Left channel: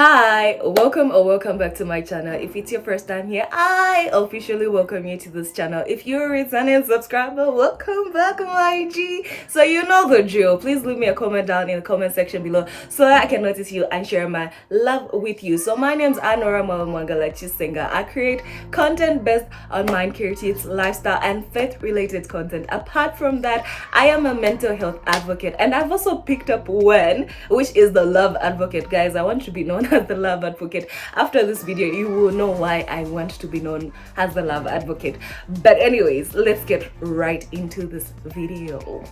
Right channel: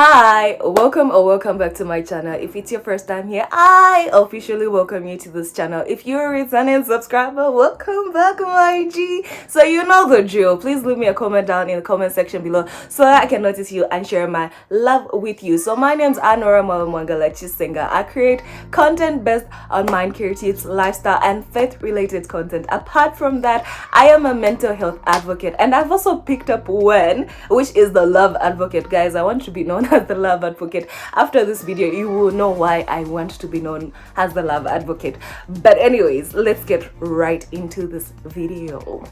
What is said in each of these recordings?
Hi, welcome or welcome back to my channel. If it's your first time here, I officially welcome you to this channel. If you're a returning subscriber, welcome back, my G. So you know the drill. Please leave me a comment down in the comment section below so that I can notice you and share my love with you. So my name's Nora Chisenga. I create content based on mind care tips, lifestyle, and faith-related content. Apart from that, I am a mental health advocate, and I've also picked up one, which is the love advocate. Guys, I want to be known as the love advocate. After this video, you will know why I want to be known as the love advocate. But anyways, let's get right into this video.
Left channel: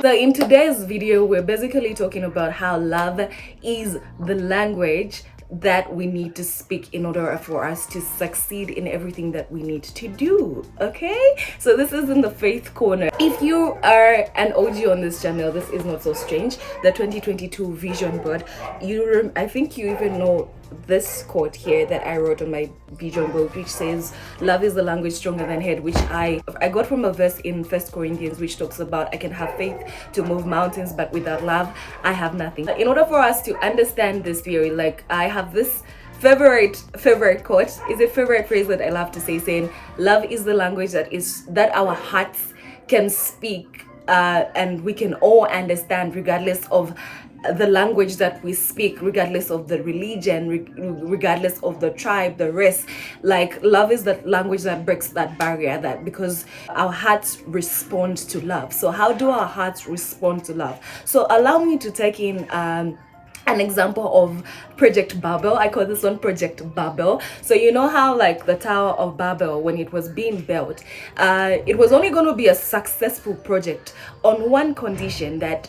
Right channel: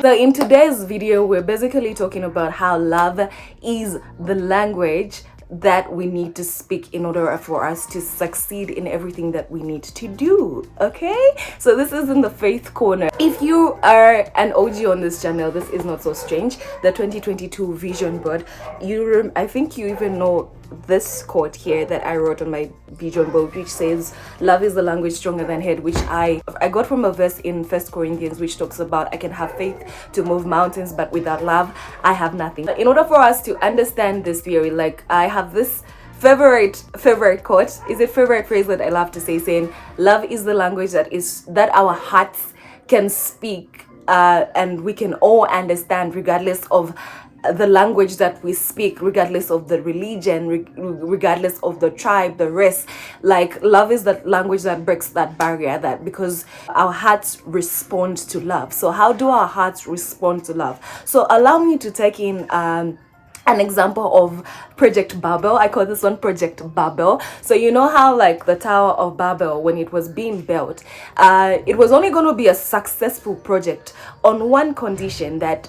So in today's video, we're basically talking about how love is the language that we need to speak in order for us to succeed in everything that we need to do. Okay, so this is in the faith corner. If you are an OG on this channel, this is not so strange. The 2022 vision board, I think you even know this quote here that I wrote on my vision board, which says love is the language stronger than hate, which I got from a verse in 1 Corinthians, which talks about I can have faith to move mountains, but without love I have nothing. In order for us to understand this theory, like, I have this favorite quote, is a favorite phrase that I love to say, saying love is the language that our hearts can speak, and we can all understand, regardless of the language that we speak, regardless of the religion, regardless of the tribe, the race. Like, love is that language that breaks that barrier, that because our hearts respond to love. So how do our hearts respond to love? So allow me to take in an example of Project Babel. I call this one Project Babel. So you know how, like, the Tower of Babel, when it was being built, it was only going to be a successful project on one condition, that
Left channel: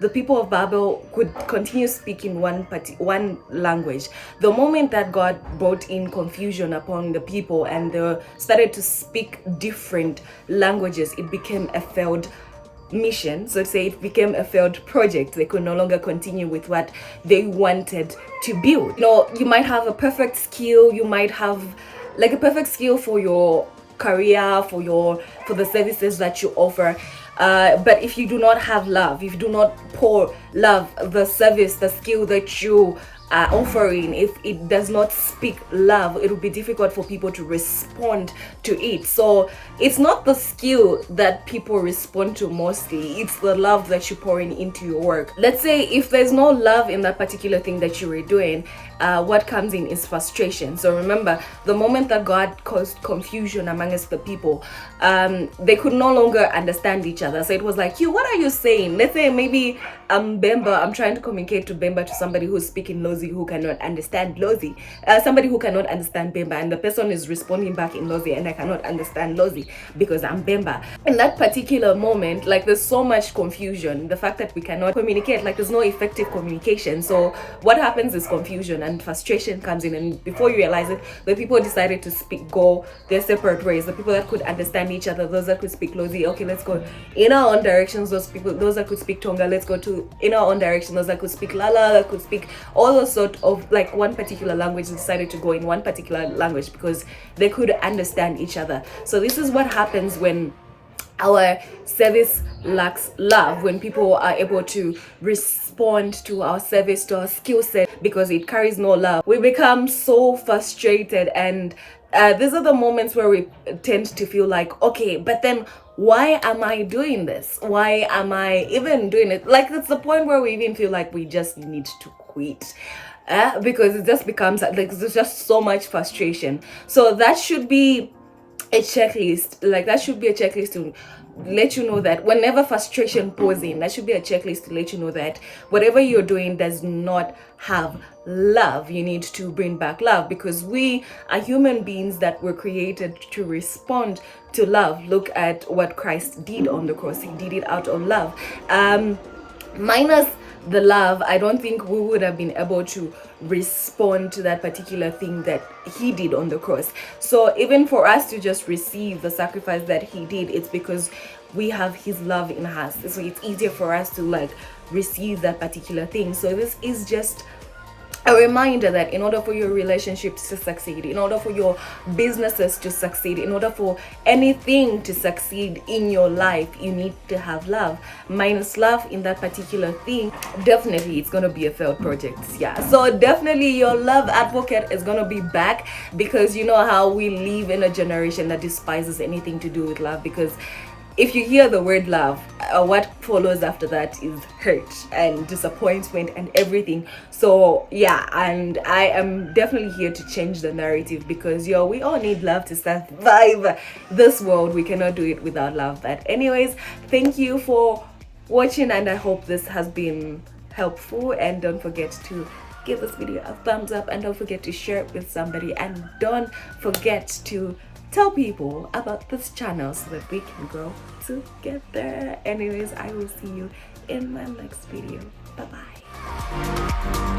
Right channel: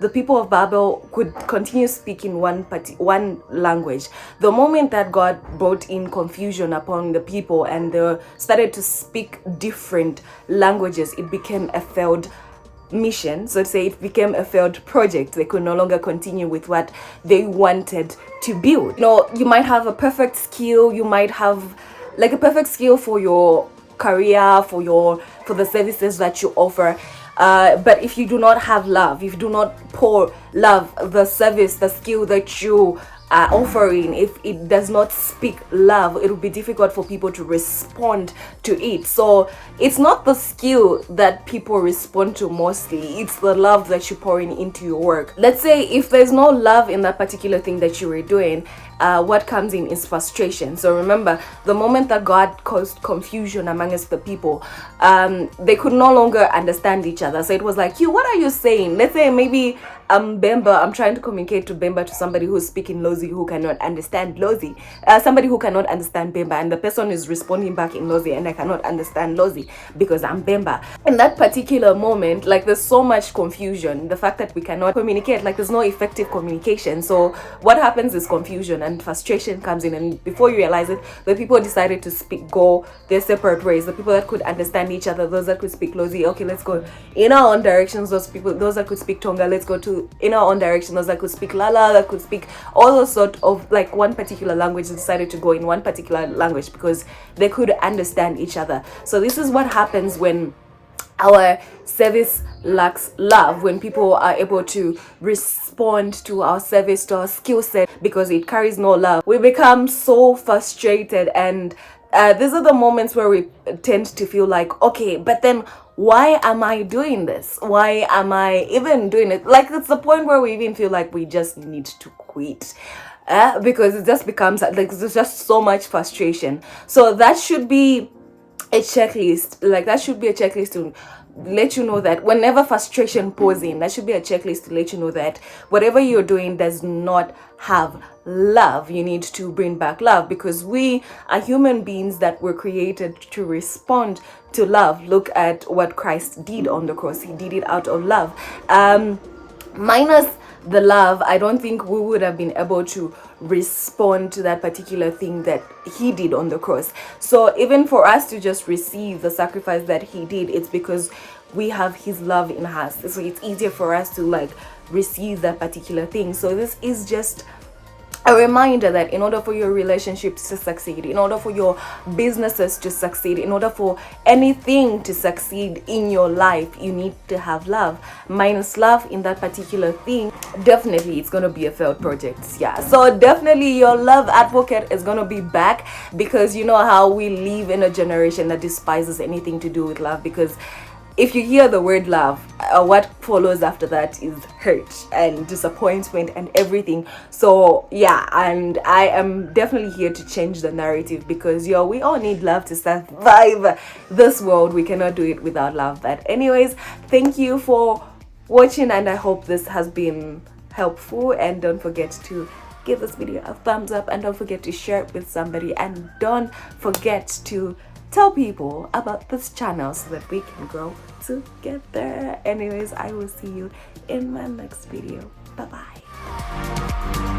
the people of Babel could continue speaking one language. The moment that God brought in confusion upon the people and they started to speak different languages, it became a failed mission. So to say, it became a failed project. They could no longer continue with what they wanted to build. You know, you might have a perfect skill, you might have like a perfect skill for your career, for the services that you offer, but if you do not have love, if you do not pour love, the service, the skill that you are offering, if it does not speak love, it will be difficult for people to respond to it. So it's not the skill that people respond to mostly, it's the love that you're pouring into your work. Let's say if there's no love in that particular thing that you were doing, what comes in is frustration. So remember, the moment that God caused confusion amongst the people, they could no longer understand each other. So it was like, what are you saying? Let's say maybe Bemba, I'm trying to communicate to Bemba, to somebody who's speaking Lozi who cannot understand Lozi, somebody who cannot understand Bemba, and the person is responding back in Lozi, and I cannot understand Lozi because I'm Bemba. In that particular moment, like, there's so much confusion, the fact that we cannot communicate, like, there's no effective communication. So what happens is confusion and frustration comes in, and before you realize it, the people decided to go their separate ways. The people that could understand each other, those that could speak Lozi, okay, let's go in our own directions. Those that could speak Tonga, let's go to in our own direction. Those that could speak Lala, that could speak all those sort of, like, one particular language, decided to go in one particular language because they could understand each other. So this is what happens when our service lacks love, when people are able to respond to our service, to our skill set, because it carries no love. We become so frustrated, and these are the moments where we tend to feel like, okay, but then why am I doing this? Why am I even doing it? Like, it's the point where we even feel like we just need to quit. Because it just becomes like there's just so much frustration. So that should be a checklist. Like, that should be a checklist to let you know that whenever frustration pours in, that should be a checklist to let you know that whatever you're doing does not have love. You need to bring back love, because we are human beings that were created to respond to love. Look at what Christ did on the cross. He did it out of love. Minus the love, I don't think we would have been able to respond to that particular thing that he did on the cross. So even for us to just receive the sacrifice that he did, it's because we have his love in us. So it's easier for us to, like, receive that particular thing. So this is just a reminder that in order for your relationships to succeed, in order for your businesses to succeed, in order for anything to succeed in your life, you need to have love. Minus love in that particular thing, definitely it's gonna be a failed project. Yeah, so definitely your love advocate is gonna be back, because you know how we live in a generation that despises anything to do with love. Because if you hear the word love, what follows after that is hurt and disappointment and everything. So yeah, and I am definitely here to change the narrative, because we all need love to survive this world. We cannot do it without love. But anyways, thank you for watching, and I hope this has been helpful. And don't forget to give this video a thumbs up, and don't forget to share it with somebody, and don't forget to tell people about this channel so that we can grow together. Anyways, I will see you in my next video. Bye bye.